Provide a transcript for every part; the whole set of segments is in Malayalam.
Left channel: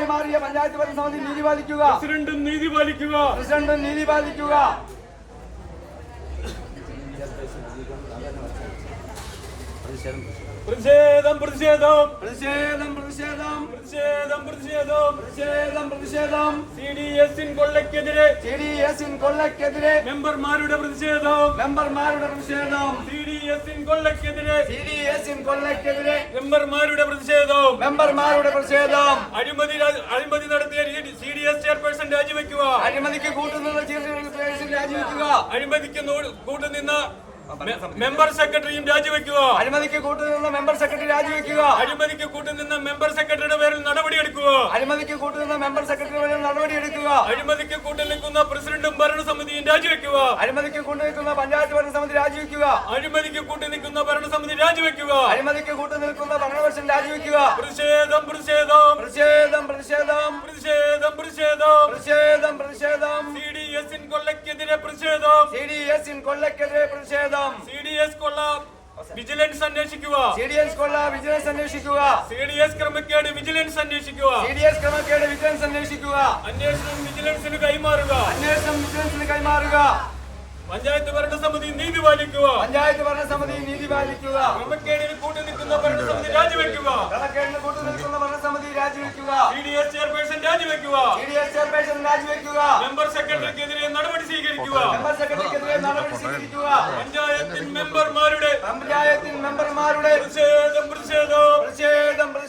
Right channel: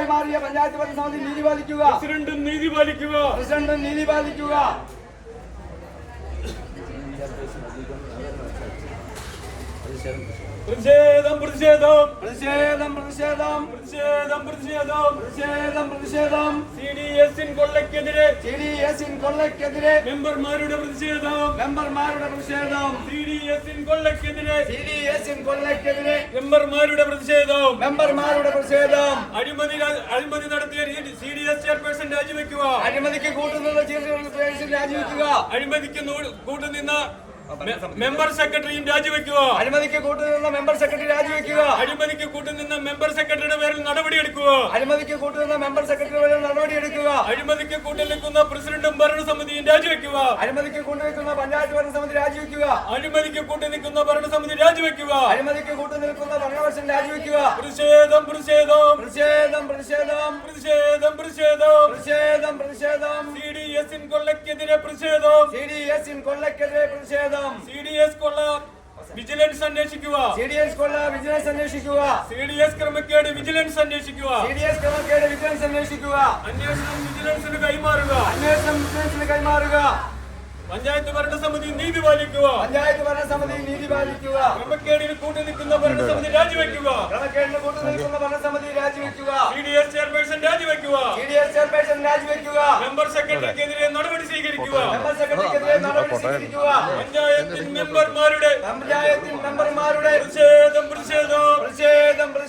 പ്രസിഡന്റായി മാറിയ പഞ്ചായത്ത് ഭരണസമിതി നീതി പാലിക്കുക പ്രസിഡന്റും നീതി പാലിക്കുക പ്രസിഡന്റും നീതി പാലിക്കുക പ്രതിഷേധം പ്രതിഷേധം പ്രതിഷേധം. പ്രതിഷേധം പ്രതിഷേധം. പ്രതിഷേധം പ്രതിഷേധം. പ്രതിഷേധം സി ഡി എസിൻ കൊള്ളക്കെതിരെ സി ഡി എസിൻ കൊള്ളക്കെതിരെ മെമ്പർമാരുടെ പ്രതിഷേധം. മെമ്പർമാരുടെ പ്രതിഷേധം. സി ഡി എസിൻ കൊള്ളക്കെതിരെ സി ഡി എസിൻ കൊള്ളക്കെതിരെ മെമ്പർമാരുടെ പ്രതിഷേധം. മെമ്പർമാരുടെ പ്രതിഷേധം. അഴിമതി അഴിമതി നടത്തിയ സി ഡി എസ് ചെയർപേഴ്സൺ രാജിവെക്കുക. അഴിമതിക്ക് കൂട്ടുനിന്ന ചെയർപേഴ്സൺ രാജിവെക്കുക. അഴിമതിക്ക് കൂട്ടുനിന്ന മെമ്പർ സെക്രട്ടറിയും രാജിവെക്കുക. അഴിമതിക്ക് കൂട്ടുനിന്ന മെമ്പർ സെക്രട്ടറി രാജിവെക്കുക. അഴിമതിക്ക് കൂട്ടുനിന്ന മെമ്പർ സെക്രട്ടറിയുടെ പേരിൽ നടപടിയെടുക്കുക. അഴിമതിക്ക് കൂട്ടുനിന്ന മെമ്പർ സെക്രട്ടറി നടപടിയെടുക്കുക. അഴിമതിക്ക് കൂട്ടുനിൽക്കുന്ന പ്രസിഡന്റും ഭരണസമിതിയും രാജിവെക്കുക. അഴിമതിക്ക് കൂട്ടുനിൽക്കുന്ന പഞ്ചായത്ത് ഭരണസമിതി രാജിവെക്കുക. അഴിമതിക്ക് കൂട്ടുനിൽക്കുന്ന ഭരണസമിതി രാജിവെക്കുക. അഴിമതിക്ക് കൂട്ടുനിൽക്കുന്ന ഭരണപക്ഷം രാജിവെക്കുക. പ്രതിഷേധം പ്രതിഷേധം. പ്രതിഷേധം പ്രതിഷേധം. പ്രതിഷേധം പ്രതിഷേധം. പ്രതിഷേധം പ്രതിഷേധം. സി ഡി എസിൻ കൊള്ളയ്ക്കെതിരെ പ്രതിഷേധം. സി ഡി എസിൻ കൊള്ളക്കെതിരെ പ്രതിഷേധം. സി ഡി എസ് കൊള്ള വിജിലൻസ് അന്വേഷിക്കുക. സി ഡി എസ് കൊള്ള വിജിലൻസ് അന്വേഷിക്കുക. സി ഡി എസ് ക്രമക്കേട് വിജിലൻസ് അന്വേഷിക്കുക. സി ഡി എസ് ക്രമക്കേട് വിജിലൻസ് അന്വേഷിക്കുക. അന്വേഷണം വിജിലൻസിന് കൈമാറുക. അന്വേഷണം വിജിലൻസിന് കൈമാറുക. പഞ്ചായത്ത് ഭരണസമിതി നീതി പാലിക്കുക. പഞ്ചായത്ത് ഭരണസമിതി നീതി പാലിക്കുക. ക്രമക്കേടിന് കൂട്ടുനിൽക്കുന്ന ഭരണസമിതി രാജിവെക്കുക. ക്രമക്കേടിന് കൂട്ടുനിൽക്കുന്ന ഭരണസമിതി രാജിവെക്കുക. സി ഡി എസ് ചെയർപേഴ്സൺ രാജിവെക്കുക. സി ഡി എസ് ചെയർപേഴ്സൺ രാജിവെക്കുക. മെമ്പർ സെക്രട്ടറിക്കെതിരെ നടപടി സ്വീകരിക്കുക. മെമ്പർ സെക്രട്ടറിക്കെതിരെ നടപടി സ്വീകരിക്കുക. പഞ്ചായത്തിൻ മെമ്പർമാരുടെ പഞ്ചായത്തിൻ മെമ്പർമാരുടെ പ്രതിഷേധം പ്രതിഷേധം. പ്രതിഷേധം.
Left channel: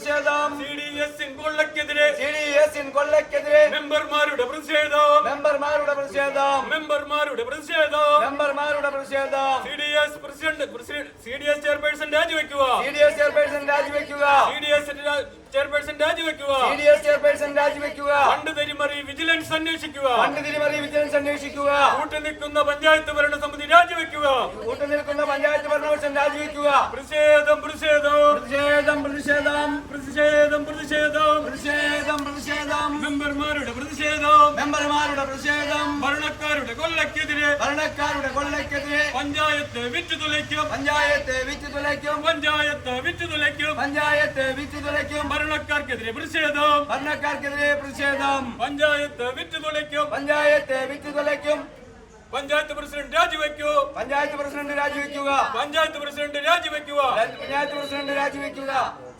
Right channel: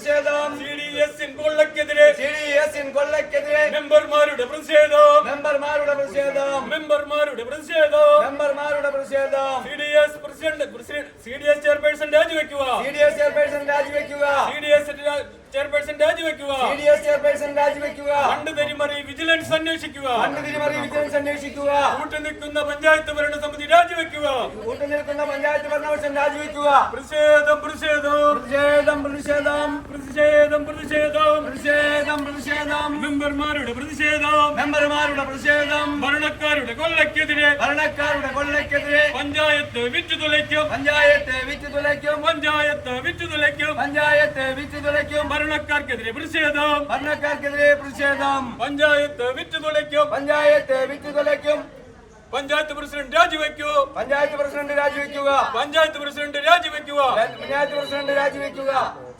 പ്രതിഷേധം. സി ഡി എസ് കൊള്ളക്കെതിരെ സി ഡി എസിൻ കൊള്ളക്കെതിരെ മെമ്പർമാരുടെ പ്രതിഷേധം. മെമ്പർമാരുടെ പ്രതിഷേധം. മെമ്പർമാരുടെ പ്രതിഷേധം. മെമ്പർമാരുടെ പ്രതിഷേധം. C D S president C D S chairperson രാജിവെക്കുക. C D S chairperson രാജിവെക്കുക. സി ഡി എസ് ചെയർപേഴ്സൺ രാജിവെക്കുക. സി ഡി എസ് ചെയർപേഴ്സൺ രാജിവെക്കുക. ഫണ്ട് തിരിമറി വിജിലൻസ് അന്വേഷിക്കുക. ഫണ്ട് തിരിമറി വിജിലൻസ് അന്വേഷിക്കുക. കൂട്ടുനിൽക്കുന്ന പഞ്ചായത്ത് ഭരണസമിതി രാജിവെക്കുക. കൂട്ടുനിൽക്കുന്ന പഞ്ചായത്ത് ഭരണപക്ഷം രാജിവെക്കുക. പ്രതിഷേധം പ്രതിഷേധം. പ്രതിഷേധം പ്രതിഷേധം. പ്രതിഷേധം പ്രതിഷേധം. പ്രതിഷേധം പ്രതിഷേധം. മെമ്പർമാരുടെ പ്രതിഷേധം. മെമ്പർമാരുടെ പ്രതിഷേധം. ഭരണക്കാരുടെ കൊല്ലക്കെതിരെ ഭരണക്കാരുടെ കൊല്ലക്കെതിരെ പഞ്ചായത്ത് വിറ്റുതുലയ്ക്കും പഞ്ചായത്ത് വിറ്റ് തുലയ്ക്കും. പഞ്ചായത്ത് വിറ്റുതുലയ്ക്കും പഞ്ചായത്ത് വിറ്റ് തുലയ്ക്കും. ഭരണക്കാർക്കെതിരെ പ്രതിഷേധം. ഭരണക്കാർക്കെതിരെ പ്രതിഷേധം. പഞ്ചായത്ത് വിറ്റുതുളയ്ക്കും പഞ്ചായത്ത് വിറ്റുതുളയ്ക്കും പഞ്ചായത്ത് പ്രസിഡന്റ് രാജിവെക്കൂ. പഞ്ചായത്ത് പ്രസിഡന്റ് രാജിവെക്കുക. പഞ്ചായത്ത് പ്രസിഡന്റ് രാജിവെക്കുക. പഞ്ചായത്ത് പ്രസിഡന്റ് രാജിവെക്കുക.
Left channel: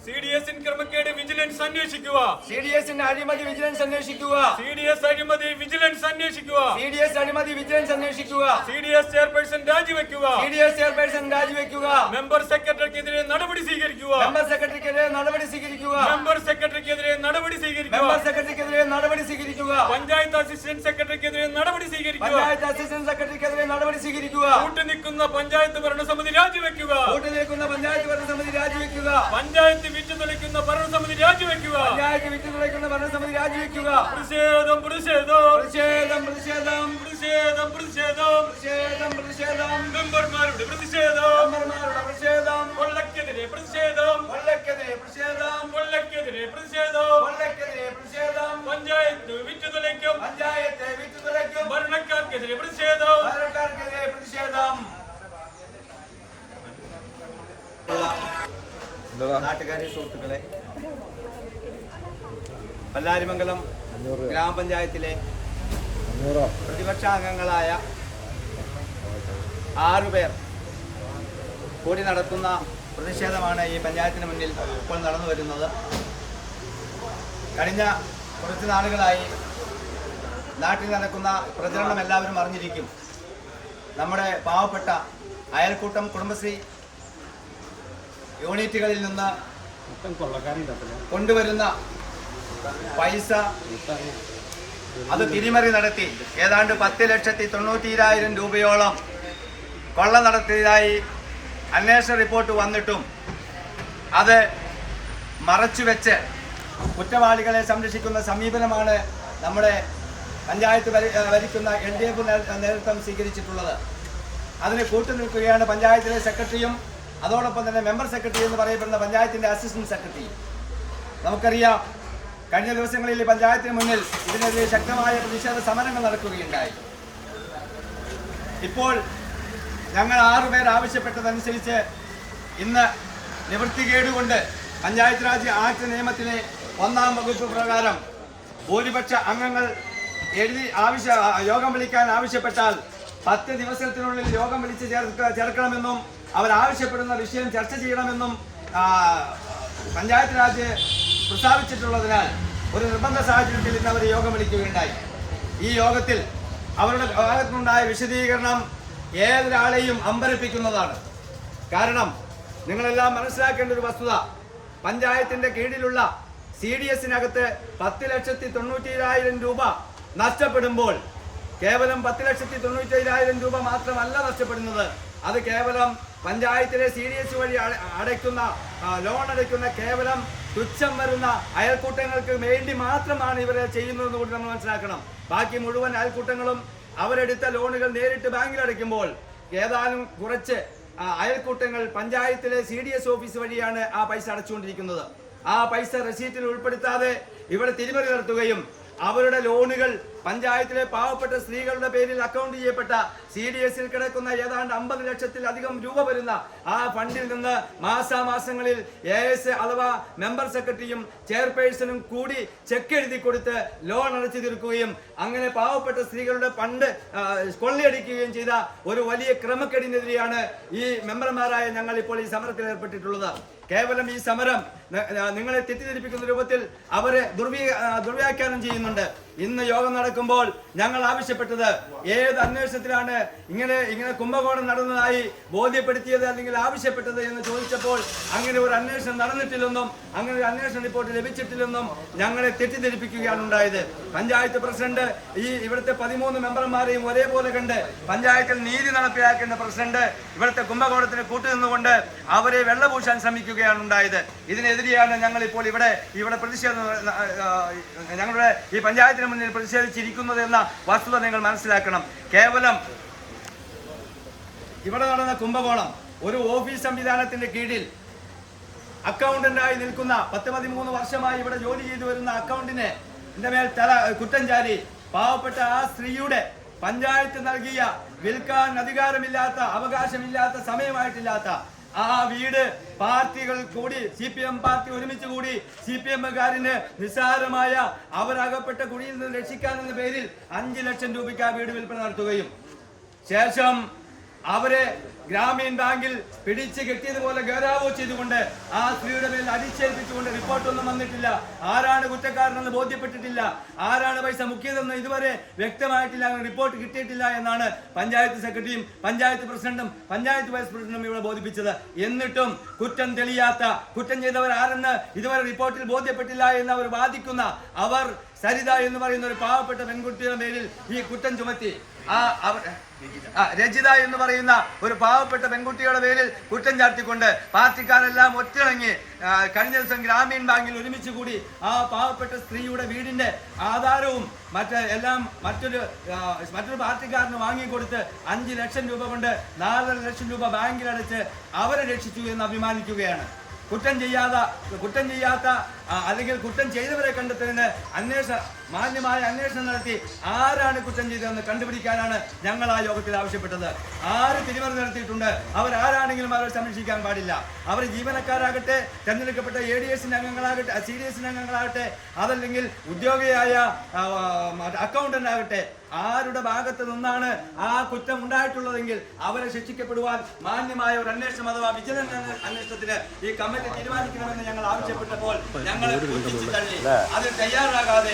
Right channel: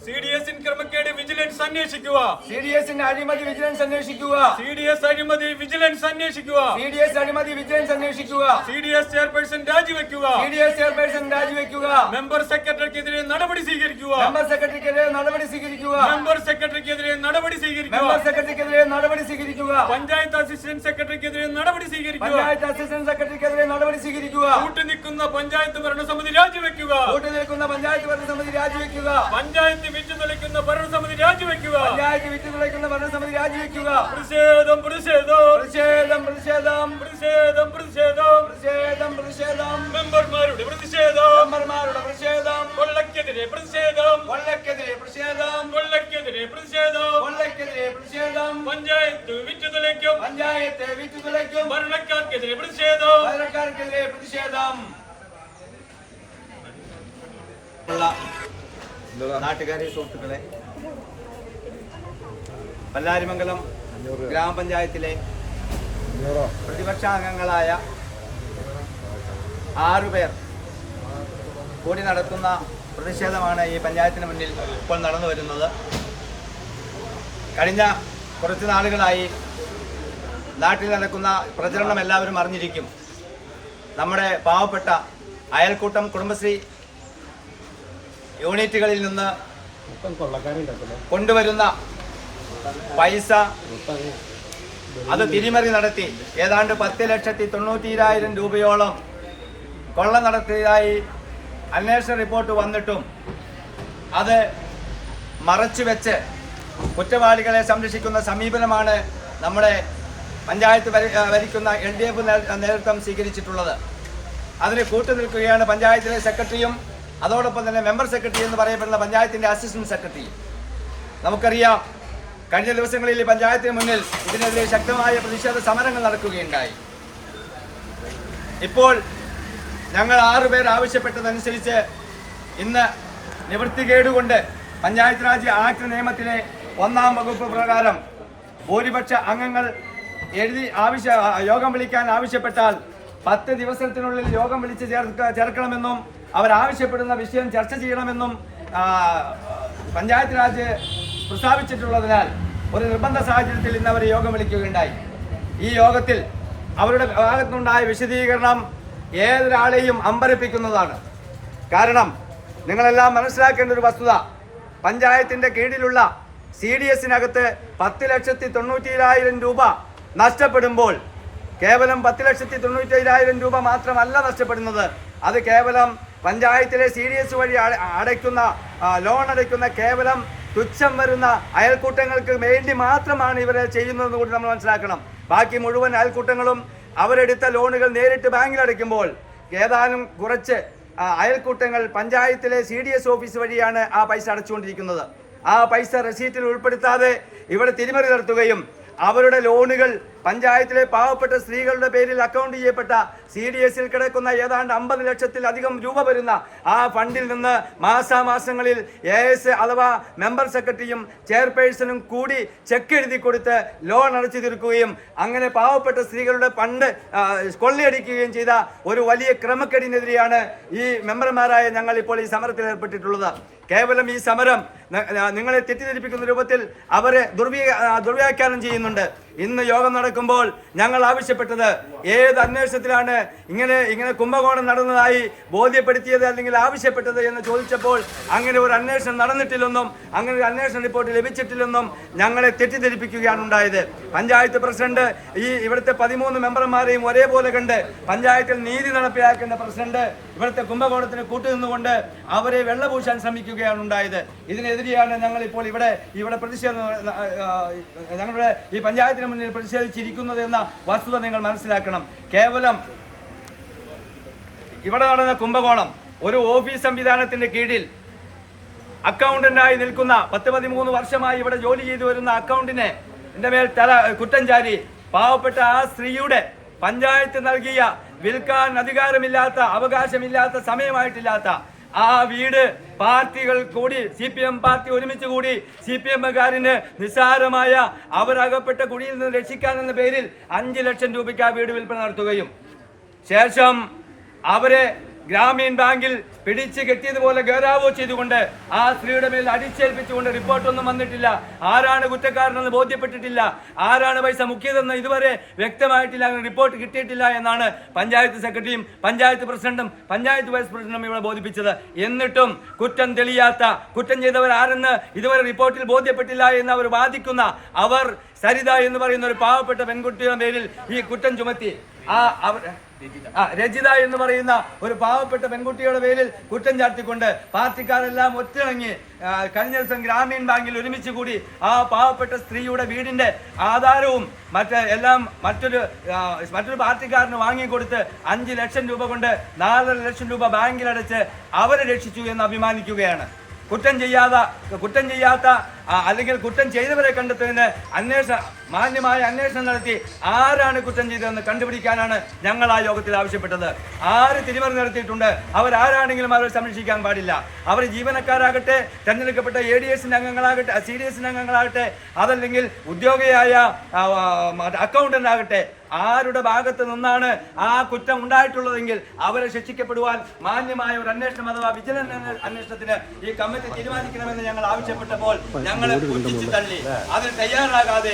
സി ഡി എസ് ക്രമക്കേട് വിജിലൻസ് അന്വേഷിക്കുക. സി ഡി എസിന്റെ അഴിമതി വിജിലൻസ് അന്വേഷിക്കുക. സി ഡി എസ് അഴിമതി വിജിലൻസ് അന്വേഷിക്കുക. സി ഡി എസ് അഴിമതി വിജിലൻസ് അന്വേഷിക്കുക. സി ഡി എസ് ചെയർപേഴ്സൺ രാജിവെക്കുക. സി ഡി എസ് ചെയർപേഴ്സൺ രാജിവെക്കുക. മെമ്പർ സെക്രട്ടറിക്കെതിരെ നടപടി സ്വീകരിക്കുക. മെമ്പർ സെക്രട്ടറിക്കെതിരെ നടപടി സ്വീകരിക്കുക. മെമ്പർ സെക്രട്ടറിക്കെതിരെ നടപടി സ്വീകരിക്കുക. മെമ്പർ സെക്രട്ടറിക്കെതിരെ നടപടി സ്വീകരിക്കുക. പഞ്ചായത്ത് അസിസ്റ്റന്റ് സെക്രട്ടറിക്കെതിരെ നടപടി സ്വീകരിക്കുക. പഞ്ചായത്ത് അസിസ്റ്റന്റ് സെക്രട്ടറിക്കെതിരെ നടപടി സ്വീകരിക്കുക. കൂട്ടുനിൽക്കുന്ന പഞ്ചായത്ത് ഭരണസമിതി രാജിവെക്കുക. കൂട്ടുനിൽക്കുന്ന പഞ്ചായത്ത് ഭരണസമിതി രാജിവെക്കുക. പഞ്ചായത്ത് വിറ്റു നിൽക്കുന്ന ഭരണസമിതി രാജിവെക്കുക. പഞ്ചായത്ത് വിറ്റ് തുളയ്ക്കുന്ന ഭരണസമിതി രാജിവെക്കുക. പ്രതിഷേധം പ്രതിഷേധം. പ്രതിഷേധം പ്രതിഷേധം. പ്രതിഷേധം പ്രതിഷേധം. പ്രതിഷേധം പ്രതിഷേധം. മെമ്പർമാരുടെ പ്രതിഷേധം. മെമ്പർമാരുടെ പ്രതിഷേധം. കൊള്ളക്കെതിരെ പ്രതിഷേധം. കൊള്ളക്കെതിരെ പ്രതിഷേധം. കൊള്ളക്കെതിരെ പ്രതിഷേധം. കൊള്ളക്കെതിരെ പ്രതിഷേധം. പഞ്ചായത്ത് വിറ്റുതലയ്ക്കും പഞ്ചായത്ത് വിറ്റ് ഭരണക്കാർക്കെതിരെ പ്രതിഷേധം. ഭരണക്കാർക്കെതിരെ പ്രതിഷേധം. നാട്ടുകാരെ സുഹൃത്തുക്കളെ. പല്ലാരിമംഗലം ഗ്രാമപഞ്ചായത്തിലെ പ്രതിപക്ഷാംഗങ്ങളായ ആറുപേർ കൂടി നടത്തുന്ന പ്രതിഷേധമാണ് ഈ പഞ്ചായത്തിന് മുന്നിൽ ഇപ്പോൾ നടന്നു വരുന്നത്. കഴിഞ്ഞ കുറച്ച് നാളുകളായി നാട്ടിൽ നടക്കുന്ന പ്രചരണം എല്ലാവരും അറിഞ്ഞിരിക്കും. നമ്മുടെ പാവപ്പെട്ട അയൽക്കൂട്ടം കുടുംബശ്രീ യൂണിറ്റുകളിൽ നിന്ന് കൊണ്ടുവരുന്ന പൈസ അത് തിരിമറി നടത്തി. ഏതാണ്ട് പത്ത് ലക്ഷത്തി തൊണ്ണൂറ്റിരായിരം രൂപയോളം കൊള്ള നടത്തിയതായി അന്വേഷണ റിപ്പോർട്ട് വന്നിട്ടും അത് മറച്ചുവെച്ച് കുറ്റവാളികളെ സംരക്ഷിക്കുന്ന സമീപനമാണ് നമ്മുടെ പഞ്ചായത്ത് ഭരിക്കുന്ന എൽ ഡി എഫ് നേതൃത്വം സ്വീകരിച്ചിട്ടുള്ളത്. അതിന് കൂട്ടുനിൽക്കുകയാണ് പഞ്ചായത്തിലെ സെക്രട്ടറിയും അതോടൊപ്പം തന്നെ മെമ്പർ സെക്രട്ടറി എന്ന് പറയപ്പെടുന്ന പഞ്ചായത്തിന്റെ അസിസ്റ്റന്റ് സെക്രട്ടറി. നമുക്കറിയാം കഴിഞ്ഞ ദിവസങ്ങളിൽ പഞ്ചായത്തിന് മുന്നിൽ ഇതിനെതിരെ ശക്തമായ പ്രതിഷേധ സമരങ്ങൾ നടക്കുകയുണ്ടായി. ഇപ്പോൾ ഞങ്ങൾ ആറുപേർ ആവശ്യപ്പെട്ടതനുസരിച്ച് ഇന്ന് നിവൃത്തികേടുകൊണ്ട് പഞ്ചായത്ത് രാജ് ആക്ട് നിയമത്തിലെ ഒന്നാം വകുപ്പ് പ്രകാരം ഭൂരിപക്ഷ അംഗങ്ങൾ എഴുതി ആവശ്യ യോഗം വിളിക്കാൻ ആവശ്യപ്പെട്ടാൽ പത്ത് ദിവസത്തിനുള്ളിൽ യോഗം വിളിച്ച് ചേർക്ക ചേർക്കണമെന്നും അവർ ആവശ്യപ്പെടുന്ന വിഷയം ചർച്ച ചെയ്യണമെന്നും പഞ്ചായത്ത് രാജ് പ്രസ്താവിച്ചിട്ടുള്ളതിനാൽ ഒരു നിർബന്ധ സാഹചര്യത്തിൽ ഇന്ന് അവർ യോഗം വിളിക്കുകയുണ്ടായി. ഈ യോഗത്തിൽ അവരുടെ ഭാഗത്തുനിന്നുണ്ടായ വിശദീകരണം ഏതൊരാളെയും അമ്പരപ്പിക്കുന്നതാണ്. കാരണം നിങ്ങളെല്ലാം മനസ്സിലാക്കേണ്ട ഒരു വസ്തുത പഞ്ചായത്തിന്റെ കീഴിലുള്ള സി ഡി എസിനകത്ത് പത്ത് ലക്ഷത്തി തൊണ്ണൂറ്റിയേഴായിരം രൂപ നഷ്ടപ്പെടുമ്പോൾ കേവലം പത്ത് ലക്ഷത്തി തൊണ്ണൂറ്റിയേഴായിരം രൂപ മാത്രമല്ല നഷ്ടപ്പെടുന്നത്. അത് കേവലം പഞ്ചായത്തിലെ സി ഡി എസ് വഴി അടയ്ക്കുന്ന ലോൺ അടയ്ക്കുന്ന കേവലം തുച്ഛം വരുന്ന അയൽക്കൂട്ടങ്ങൾക്ക് വേണ്ടി മാത്രമാണ് ഇവരെ ചെയ്യുന്നതെന്ന് കൂടി നമ്മൾ മനസ്സിലാക്കണം. ബാക്കി മുഴുവൻ അയൽക്കൂട്ടങ്ങളും അവരെടുത്ത ലോണുകൾ നേരിട്ട് ബാങ്കിൽ അടയ്ക്കുമ്പോൾ ഏതാനും കുറച്ച് അയൽക്കൂട്ടങ്ങൾ പഞ്ചായത്തിലെ സി ഡി എസ് ഓഫീസ് വഴിയാണ് ആ പൈസ അടച്ചുകൊണ്ടിരിക്കുന്നത്. ആ പൈസ റെസീറ്റിൽ ഉൾപ്പെടുത്താതെ ഇവിടെ തിരിമറി നടത്തുകയും അവരുടെ ലോണുകൾ പഞ്ചായത്തിലെ പാവപ്പെട്ട സ്ത്രീകളുടെ പേരിൽ അക്കൗണ്ട് ചെയ്യപ്പെട്ട സി ഡി എസിൽ കിടക്കുന്ന ഏതാണ്ട് അമ്പത് ലക്ഷത്തിലധികം രൂപ വരുന്ന ആ ഫണ്ടിൽ നിന്ന് മാസാമാസങ്ങളിൽ എ എസ് അഥവാ മെമ്പർ സെക്രട്ടറിയും ചെയർപേഴ്സണും കൂടി ചെക്ക് എഴുതി കൊടുത്ത് ലോൺ അടച്ചു തീർക്കുകയും അങ്ങനെ പാവപ്പെട്ട സ്ത്രീകളുടെ ഫണ്ട് കൊള്ളിയടിക്കുകയും ചെയ്ത ഒരു വലിയ ക്രമക്കേടിനെതിരെയാണ് ഈ മെമ്പർമാരായ ഞങ്ങൾ ഇപ്പോൾ ഈ സമരത്തിൽ ഏർപ്പെട്ടിട്ടുള്ളത്. കേവലം ഈ സമരം നിങ്ങളെ തെറ്റിദ്ധരിപ്പിക്കുന്ന രൂപത്തിൽ അവരെ ദുർവ്യ ദുർവ്യാഖ്യാനം ചെയ്യുന്നുണ്ട്. ഇന്ന് യോഗം നടക്കുമ്പോൾ ഞങ്ങൾ ആവശ്യപ്പെട്ടത് ഏത് അന്വേഷണത്തിലാണ് ഇങ്ങനെ ഇങ്ങനെ കുംഭകോണം നടന്നതായി ബോധ്യപ്പെടുത്തിയത് അല്ലെങ്കിൽ ആവശ്യപ്പെട്ടത് എന്ന് ചോദിച്ചപ്പോൾ അങ്ങനെ ഒരു അന്വേഷണം നടന്നിട്ടില്ലെന്നും അങ്ങനെ ഒരു അന്വേഷണ റിപ്പോർട്ട് ലഭിച്ചിട്ടില്ലെന്നും ഞങ്ങളെ തെറ്റിദ്ധരിപ്പിക്കുകയാണ് ഉണ്ടായത്. പഞ്ചായത്ത് പ്രസിഡന്റ് ഈ ഇവിടുത്തെ പതിമൂന്ന് മെമ്പർമാരെയും ഒരേപോലെ കണ്ട് പഞ്ചായത്തിൽ നീതി നടപ്പിലാക്കേണ്ട പ്രസിഡന്റ് ഇവിടുത്തെ കുംഭകോണത്തിന് കൂട്ടുനിന്നുകൊണ്ട് അവരെ വെള്ളപൂശാൻ ശ്രമിക്കുകയാണ് ഉണ്ടായത്. ഇതിനെതിരെയാണ് ഞങ്ങൾ ഇപ്പോൾ ഇവിടെ ഇവിടെ പ്രതിഷേധം ഞങ്ങളുടെ ഈ പഞ്ചായത്തിന് മുന്നിൽ പ്രതിഷേധിച്ചിരിക്കുന്നത് എന്ന വസ്തുത നിങ്ങൾ മനസ്സിലാക്കണം. കേവലം ഇവിടെ നടന്ന കുംഭകോണം ഒരു ഓഫീസ് സംവിധാനത്തിന്റെ കീഴിൽ അക്കൗണ്ടന്റായി നിൽക്കുന്ന പത്ത് പതിമൂന്ന് വർഷമായി ഇവിടെ ജോലി ചെയ്തു വരുന്ന അക്കൗണ്ടിനെ എന്റെ മേൽ തല കുറ്റം ചാരി പാവപ്പെട്ട ആ സ്ത്രീയുടെ പഞ്ചായത്ത് നൽകിയ വിൽക്കാൻ അധികാരമില്ലാത്ത അവകാശമില്ലാത്ത സമയമായിട്ടില്ലാത്ത ആ വീട് പാർട്ടികൾ കൂടി സി പി എം പാർട്ടി ഒരുമിച്ച് കൂടി സി പി എമ്മുകാരന് നിസ്സാരമായ അവരകപ്പെട്ട കുഴിയിൽ നിന്ന് രക്ഷിക്കാനെന്ന പേരിൽ അഞ്ച് ലക്ഷം രൂപയ്ക്ക് ആ വീട് വിൽപ്പന നടത്തുകയും. ശേഷം അവരെ ഗ്രാമീൺ ബാങ്കിൽ പിടിച്ച് കെട്ടിയതുപോലെ ഗൗരവോ ചെയ്തുകൊണ്ട് ആ സ്ത്രീയുടെ മേൽ അടിച്ചേൽപ്പിച്ചുകൊണ്ട് റിപ്പോർട്ടൊന്നും വന്നിട്ടില്ല. ആരാണ് കുറ്റക്കാരനെന്ന് ബോധ്യപ്പെട്ടിട്ടില്ല. ആരാണ് പൈസ മുക്കിയതെന്ന് ഇതുവരെ വ്യക്തമായിട്ടില്ല. അങ്ങനെ റിപ്പോർട്ട് കിട്ടിയിട്ടില്ല എന്നാണ് പഞ്ചായത്ത് സെക്രട്ടറിയും പഞ്ചായത്ത് പ്രസിഡന്റും പഞ്ചായത്ത് വൈസ് പ്രസിഡന്റും ഇവിടെ ബോധിപ്പിച്ചത്. എന്നിട്ടും കുറ്റം തെളിയാത്ത കുറ്റം ചെയ്തവർ ആരെന്ന് ഇതുവരെ റിപ്പോർട്ടിൽ ബോധ്യപ്പെട്ടില്ല എന്ന് അവർ വാദിക്കുന്ന അവർ സരിത എന്ന് പറയുന്ന ഒരു പാവപ്പെട്ട പെൺകുട്ടിയുടെ പേരിൽ ഈ കുറ്റം ചുമത്തി. ആ അവർ രജിത എന്ന് പറയുന്ന ഒരു പാവപ്പെട്ട പെൺകുട്ടിയുടെ പേരിൽ കുറ്റം ചാർത്തിക്കൊണ്ട് പാർട്ടിക്കാരെല്ലാം ഒറ്റിണങ്ങി കഴിഞ്ഞ ദിവസം ഗ്രാമീൺ ബാങ്കിൽ ഒരുമിച്ച് കൂടി ആ പാവപ്പെട്ട സ്ത്രീയുടെ വീടിന്റെ ആധാരവും മറ്റ് എല്ലാം മറ്റൊരു മറ്റൊരു പാർട്ടിക്കാരന് വാങ്ങിക്കൊടുത്ത് അഞ്ച് ലക്ഷം രൂപ കൊണ്ട് നാലര ലക്ഷം രൂപ ബാങ്കിലടച്ച് അവരെ രക്ഷിച്ചു എന്ന് അഭിമാനിക്കുകയാണ്. കുറ്റം ചെയ്യാത്ത കുറ്റം ചെയ്യാത്ത അല്ലെങ്കിൽ കുറ്റം ചെയ്തവരെ കണ്ടെത്തുന്നതിന് അന്വേഷണ മാന്യമായ അന്വേഷണം നടത്തി ആരാണ് കുറ്റം ചെയ്തതെന്ന് കണ്ടുപിടിക്കാനാണ് ഞങ്ങൾ ആ യോഗത്തിൽ ആവശ്യപ്പെട്ടത്. ആര് തിരിമറി നടത്തിയിട്ടുണ്ട്? അവരാരാണെങ്കിലും അവരെ സംരക്ഷിക്കാൻ പാടില്ല. അവർ ജീവനക്കാരാകട്ടെ തെരഞ്ഞെടുക്കപ്പെട്ട എ ഡി എസിന്റെ അംഗങ്ങളാകട്ടെ സി ഡി എസിന്റെ അംഗങ്ങളാകട്ടെ അതല്ലെങ്കിൽ ഉദ്യോഗിയായ അക്കൗണ്ടന്റ് ആകട്ടെ ആരുടെ ഭാഗത്ത് നിന്നാണ് ആ കുറ്റം ഉണ്ടായിട്ടുള്ളതെങ്കിൽ അവരെ ശിക്ഷിക്കപ്പെടുവാൻ മാന്യമായ ഒരു അന്വേഷണം അഥവാ വിജിലൻസ് അന്വേഷണത്തിന് ഈ കമ്മിറ്റി തീരുമാനിക്കണമെന്ന് ഞങ്ങൾ ആവശ്യപ്പെട്ടപ്പോൾ ഞങ്ങൾ പുച്ഛിച്ചു തള്ളി അതിന് തയ്യാറാകാതെ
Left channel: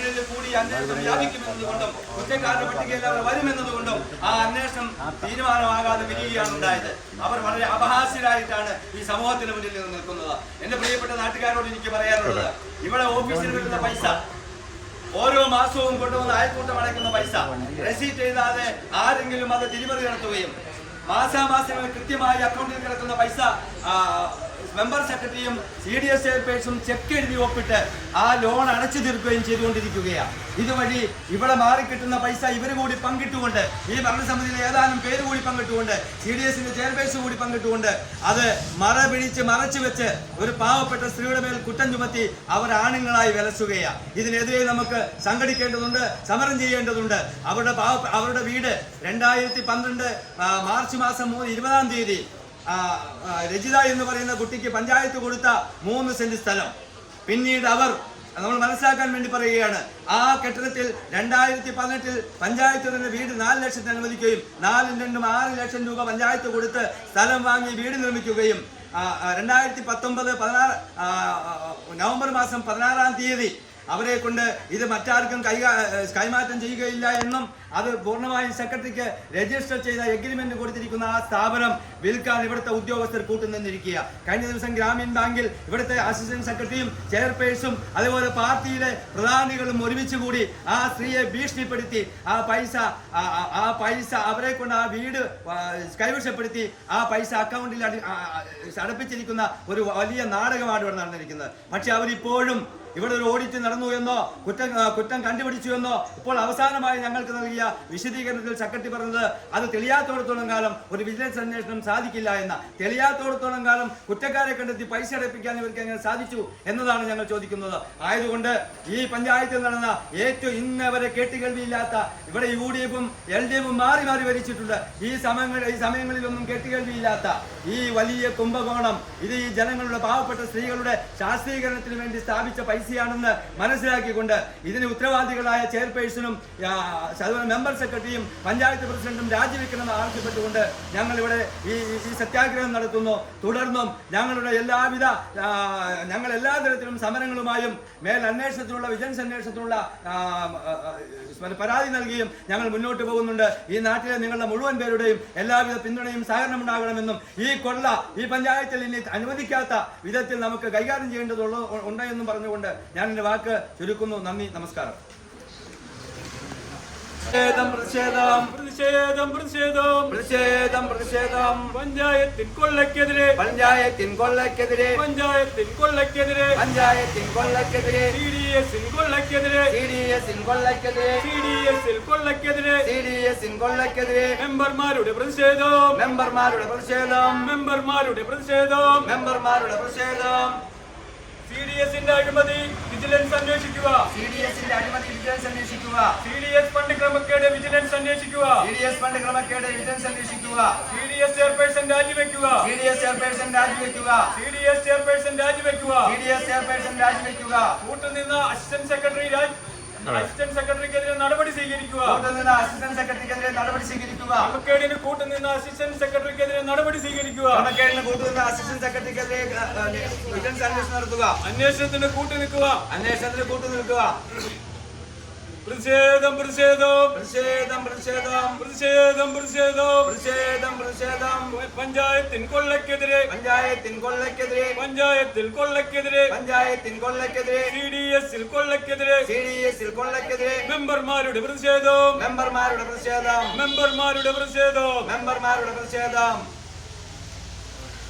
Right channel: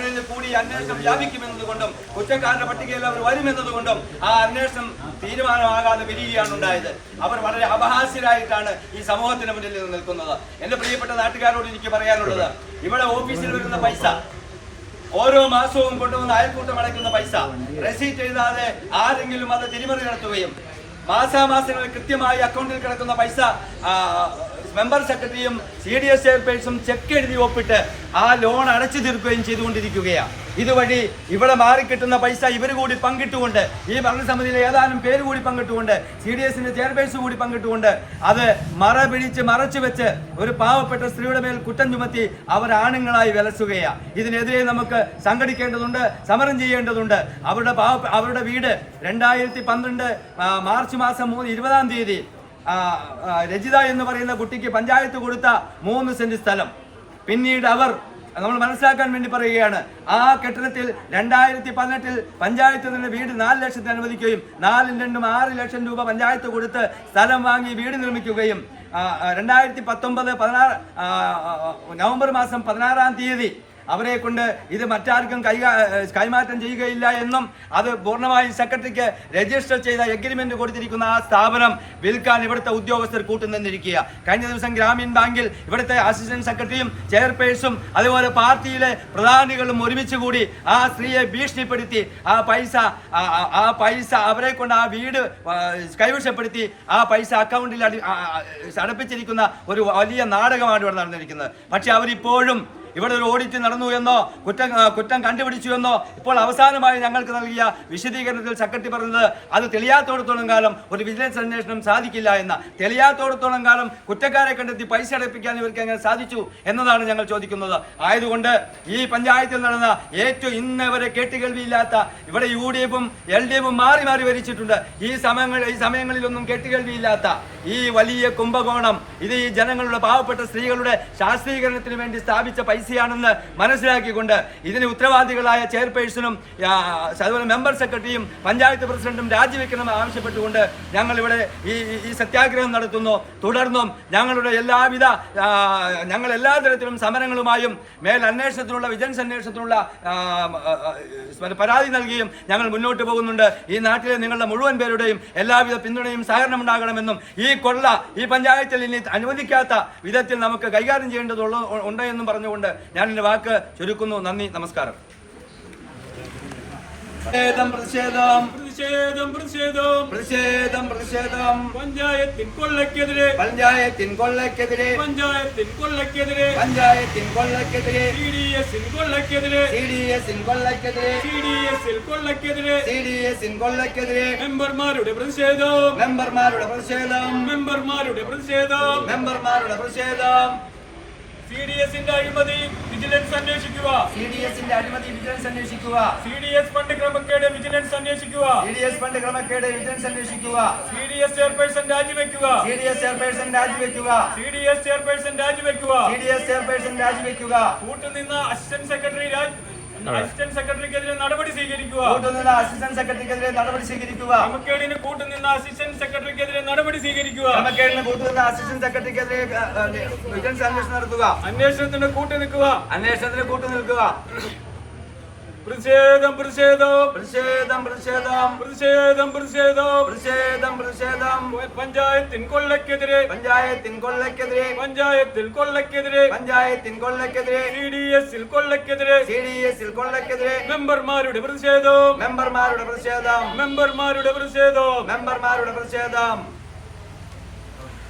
നിന്ന് കൂടി അന്വേഷണം വ്യാപിക്കുമെന്നതുകൊണ്ടും കുറ്റക്കാരുടെ പട്ടികയിൽ അവർ വരുമെന്നതുകൊണ്ടും ആ അന്വേഷണം തീരുമാനമാകാതെ പിരിയുകയാണ് ഉണ്ടായത്. അവർ വളരെ അപഹാസ്യരായിട്ടാണ് ഈ സമൂഹത്തിന് മുന്നിൽ നിന്ന് നിൽക്കുന്നത്. എന്റെ പ്രിയപ്പെട്ട നാട്ടുകാരോട് എനിക്ക് പറയാനുള്ളത് ഇവിടെ ഓഫീസിൽ വരുന്ന പൈസ ഓരോ മാസവും കൊണ്ടുവന്ന് അയൽക്കൂട്ടം അടയ്ക്കുന്ന പൈസ റെസീറ്റ് എഴുതാതെ ആരെങ്കിലും അത് തിരിമറി നടത്തുകയും മാസാമാസങ്ങളിൽ കൃത്യമായി അക്കൗണ്ടിൽ കിടക്കുന്ന പൈസ മെമ്പർ സെക്രട്ടറിയും സി ഡി എസ് ചെയർപേഴ്സും ചെക്ക് എഴുതി ഒപ്പിട്ട് ആ ലോൺ അടച്ചു തീർക്കുകയും ചെയ്തുകൊണ്ടിരിക്കുകയാണ് ഇതുവഴി ഇവിടെ മാറിക്കിട്ടുന്ന പൈസ ഇവർ കൂടി പങ്കിട്ടുകൊണ്ട് ഈ ഭരണസമിതിയിലെ ഏതാനും പേര് കൂടി പങ്കിട്ടുകൊണ്ട് സി ഡി എസിന്റെ ചെയർപേഴ്സ് കൂടി പങ്കിട്ടുകൊണ്ട് അത് മറ പിടിച്ച് മറച്ചു വെച്ച് ഒരു പാവപ്പെട്ട സ്ത്രീയുടെ മേൽ കുറ്റം ചുമത്തി അവർ ആണുങ്ങളായി വിലസുകയാണ് ഇതിനെതിരെ നമുക്ക് സംഘടിക്കേണ്ടതുണ്ട് സമരം ചെയ്യേണ്ടതുണ്ട്. അവരുടെ പാവ അവരുടെ വീട് രണ്ടായിരത്തി പന്ത്രണ്ട് മാർച്ച് മാസം മൂന്ന് ഇരുപതാം തീയതി രജിത എന്ന് പറയുന്ന കുട്ടിക്ക് പഞ്ചായത്ത് കൊടുത്ത മൂന്ന് സെന്റ് സ്ഥലം. പിന്നീട് അവർ നമ്മൾ മനസ്സിലാക്കാൻ വേണ്ടി പറയുകയാണ് ആ കെട്ടിടത്തിൽ രണ്ടായിരത്തി പതിനെട്ടിൽ നിന്ന് വീട് നാല് ലക്ഷത്തിന് അനുവദിക്കുകയും നാലും രണ്ടും ആറ് ലക്ഷം രൂപ പഞ്ചായത്ത് കൊടുത്ത് സ്ഥലം വാങ്ങി വീട് നിർമ്മിക്കുകയും രണ്ടായിരത്തി പത്തൊമ്പത് പതിനാറ് നവംബർ മാസം പതിനാറാം തീയതി അവരെ കൊണ്ട് ഇത് മറ്റാർക്കും കൈമാറ്റം ചെയ്യുകയില്ല എന്നും അത് പൂർണമായും സെക്രട്ടറിക്ക് രജിസ്റ്റർ ചെയ്ത എഗ്രിമെന്റ് കൊടുത്തിരിക്കുന്ന ആ സ്ഥാപനം വിൽക്കാൻ ഇവിടുത്തെ ഉദ്യോഗസ്ഥർ കൂട്ടുനിന്നിരിക്കുക കഴിഞ്ഞ ദിവസം ഗ്രാമീൺ ബാങ്കിൽ ഇവിടുത്തെ അസിസ്റ്റന്റ് സെക്രട്ടറിയും ചെയർപേഴ്സും അതുപോലെ പാർട്ടിയിലെ പ്രധാനികളും ഒരുമിച്ച് കൂടി ആ സ്ത്രീയെ ഭീഷണിപ്പെടുത്തി ആ പൈസ ആ- പൈസ അവരെ കൊണ്ട് ആ വീട് കൈവശപ്പെടുത്തി ആ പൈസ അക്കൗണ്ടിൽ അടപ്പിച്ചിരിക്കുന്ന ഒരു വലിയ നാടകമാണ് ഇവിടെ നടന്നിരിക്കുന്നത്. പക്ഷെ അവരിപ്പോഴും ഇവിടെ ഒരു ഓഡിറ്റ് നടന്നു എന്നോ കുറ്റം കുറ്റം കണ്ടുപിടിച്ചു എന്നോ ഇപ്പോൾ അവസാനമായി ഞങ്ങൾക്ക് നൽകിയ വിശദീകരണത്തിൽ സെക്രട്ടറി പറഞ്ഞത് അത് തെളിയാത്തോടത്തോളം കാലം ഒരു വിജിലൻസ് അന്വേഷണം സാധിക്കില്ല എന്ന. തെളിയാത്തോടത്തോളം കാലം കുറ്റക്കാരെ കണ്ടെത്തി പൈസ അടപ്പിക്കാൻ ഇവർക്ക് എങ്ങനെ സാധിച്ചു എന്നതാണ് ഞങ്ങൾ ചോദിക്കുന്നത്. ആയതുകൊണ്ട് ഈ പഞ്ചായത്തിൽ നടന്ന ഏറ്റവും ഇന്ന് വരെ കേട്ടുകേൾവിയില്ലാത്ത ഇവിടെ യു ഡി എഫും എൽ ഡി എഫും മാറി മാറി വരിച്ചിട്ടുണ്ട് ഈ സമയങ്ങൾ ഈ സമയങ്ങളിലൊന്നും കേട്ടുകേൾവിയില്ലാത്ത ഈ വലിയ കുംഭകോണം ഇത് ഈ ജനങ്ങളുടെ പാവപ്പെട്ട സ്ത്രീകളുടെ ശാസ്ത്രീകരണത്തിന് വേണ്ടി സ്ഥാപിച്ച പൈസയാണെന്ന് മനസ്സിലാക്കിക്കൊണ്ട് ഇതിന് ഉത്തരവാദികളായ ചെയർപേഴ്സണും അതുപോലെ മെമ്പർ സെക്രട്ടറിയും പഞ്ചായത്ത് പ്രസിഡന്റും രാജിവെക്കണമെന്ന് ആവശ്യപ്പെട്ടുകൊണ്ട് ഞങ്ങൾ ഇവിടെ ഈ ഈ- സത്യാഗ്രഹം നടത്തുന്നു. തുടർന്നും ഞങ്ങളുടെ എല്ലാവിധ ഞങ്ങൾ എല്ലാ തരത്തിലും സമരങ്ങളുമായും മേൽ അന്വേഷണത്തിനുള്ള വിജിലൻസ് അന്വേഷണത്തിനുള്ള പരാതി നൽകിയും ഞങ്ങൾ മുന്നോട്ട് പോകുന്നുണ്ട്. ഈ നാട്ടിലെ നിങ്ങളുടെ മുഴുവൻ പേരുടെയും എല്ലാവിധ പിന്തുണയും സഹകരണം ഉണ്ടാകണമെന്നും ഈ കൊള്ള ഈ പഞ്ചായത്തിൽ ഇനി അനുവദിക്കാത്ത വിധത്തിൽ നമുക്ക് കൈകാര്യം ചെയ്യേണ്ടതുള്ള ഉണ്ട് എന്നും പറഞ്ഞുകൊണ്ട് ഞാൻ എന്റെ വാക്ക് ചുരുക്കുന്നു. നന്ദി നമസ്കാരം. പ്രതിഷേധം പ്രതിഷേധം. പ്രതിഷേധം പ്രതിഷേധം. പ്രതിഷേധം പ്രതിഷേധം. പഞ്ചായത്തിൻ കൊള്ളക്കെതിരെ പഞ്ചായത്തിൻ കൊള്ളക്കെതിരെ പഞ്ചായത്തിൻ കൊള്ളക്കെതിരെ പഞ്ചായത്തിൻ കൊള്ളക്കെതിരെ സി ഡി എസിൻ കൊള്ളക്കെതിരെ സി ഡി എസിൻ കൊള്ളക്കെതിരെ സി ഡി എസിൽ കൊള്ളക്കെതിരെ സി ഡി എസിൻ കൊള്ളക്കെതിരെ മെമ്പർമാരുടെ പ്രതിഷേധം. മെമ്പർമാരുടെ പ്രതിഷേധം. മെമ്പർമാരുടെ പ്രതിഷേധം. മെമ്പർമാരുടെ പ്രതിഷേധം. സി ഡി എസിന്റെ അഴിമതി വിജിലൻസ് അന്വേഷിക്കുക. സി ഡി എസിന്റെ അഴിമതി വിജിലൻസ് അന്വേഷിക്കുക. സി ഡി എസ് ഫണ്ട് ക്രമക്കേട് വിജിലൻസ് അന്വേഷിക്കുക. സി ഡി എസ് ഫണ്ട് ക്രമക്കേട് വിജിലൻസ് അന്വേഷിക്കുക. സി ഡി എസ് ചെയർപേഴ്സൺ രാജിവെക്കുക. സി ഡി എസ് ചെയർപേഴ്സൺ രാജിവെക്കുക. സി ഡി എസ് ചെയർപേഴ്സൺ രാജിവെക്കുക. സി ഡി എസ് ചെയർപേഴ്സൺ രാജിവെക്കുക. കൂട്ടുനിന്ന അസിസ്റ്റന്റ് സെക്രട്ടറി രാജ് അസിസ്റ്റന്റ് സെക്രട്ടറിക്കെതിരെ നടപടി സ്വീകരിക്കുക. കൂട്ടുനിന്ന അസിസ്റ്റന്റ് സെക്രട്ടറിക്കെതിരെ നടപടി സ്വീകരിക്കുക. ക്രമക്കേടിന് കൂട്ടുനിന്ന അസിസ്റ്റന്റ് സെക്രട്ടറിക്കെതിരെ നടപടി സ്വീകരിക്കുക. ക്രമക്കേടിന് കൂട്ടുനിന്ന അസിസ്റ്റന്റ് സെക്രട്ടറിക്കെതിരെ ആ, ആ, വിജിലൻസ് അന്വേഷണം നടത്തുക. അന്വേഷണത്തിന് കൂട്ടു നിൽക്കുക അന്വേഷണത്തിന് കൂട്ടു നിൽക്കുക പ്രതിഷേധം പ്രതിഷേധം. പ്രതിഷേധം പ്രതിഷേധം. പ്രതിഷേധം പ്രതിഷേധം. പ്രതിഷേധം പ്രതിഷേധം. പഞ്ചായത്തിൻ കൊള്ളക്കെതിരെ പഞ്ചായത്തിൻ കൊള്ളക്കെതിരെ പഞ്ചായത്തിൽ കൊള്ളക്കെതിരെ പഞ്ചായത്തിൻ കൊള്ളക്കെതിരെ സി ഡി എസിൽ കൊള്ളക്കെതിരെ സി ഡി എസിൽ കൊള്ളക്കെതിരെ മെമ്പർമാരുടെ പ്രതിഷേധം. മെമ്പർമാരുടെ പ്രതിഷേധം. മെമ്പർമാരുടെ പ്രതിഷേധം. മെമ്പർമാരുടെ പ്രതിഷേധം.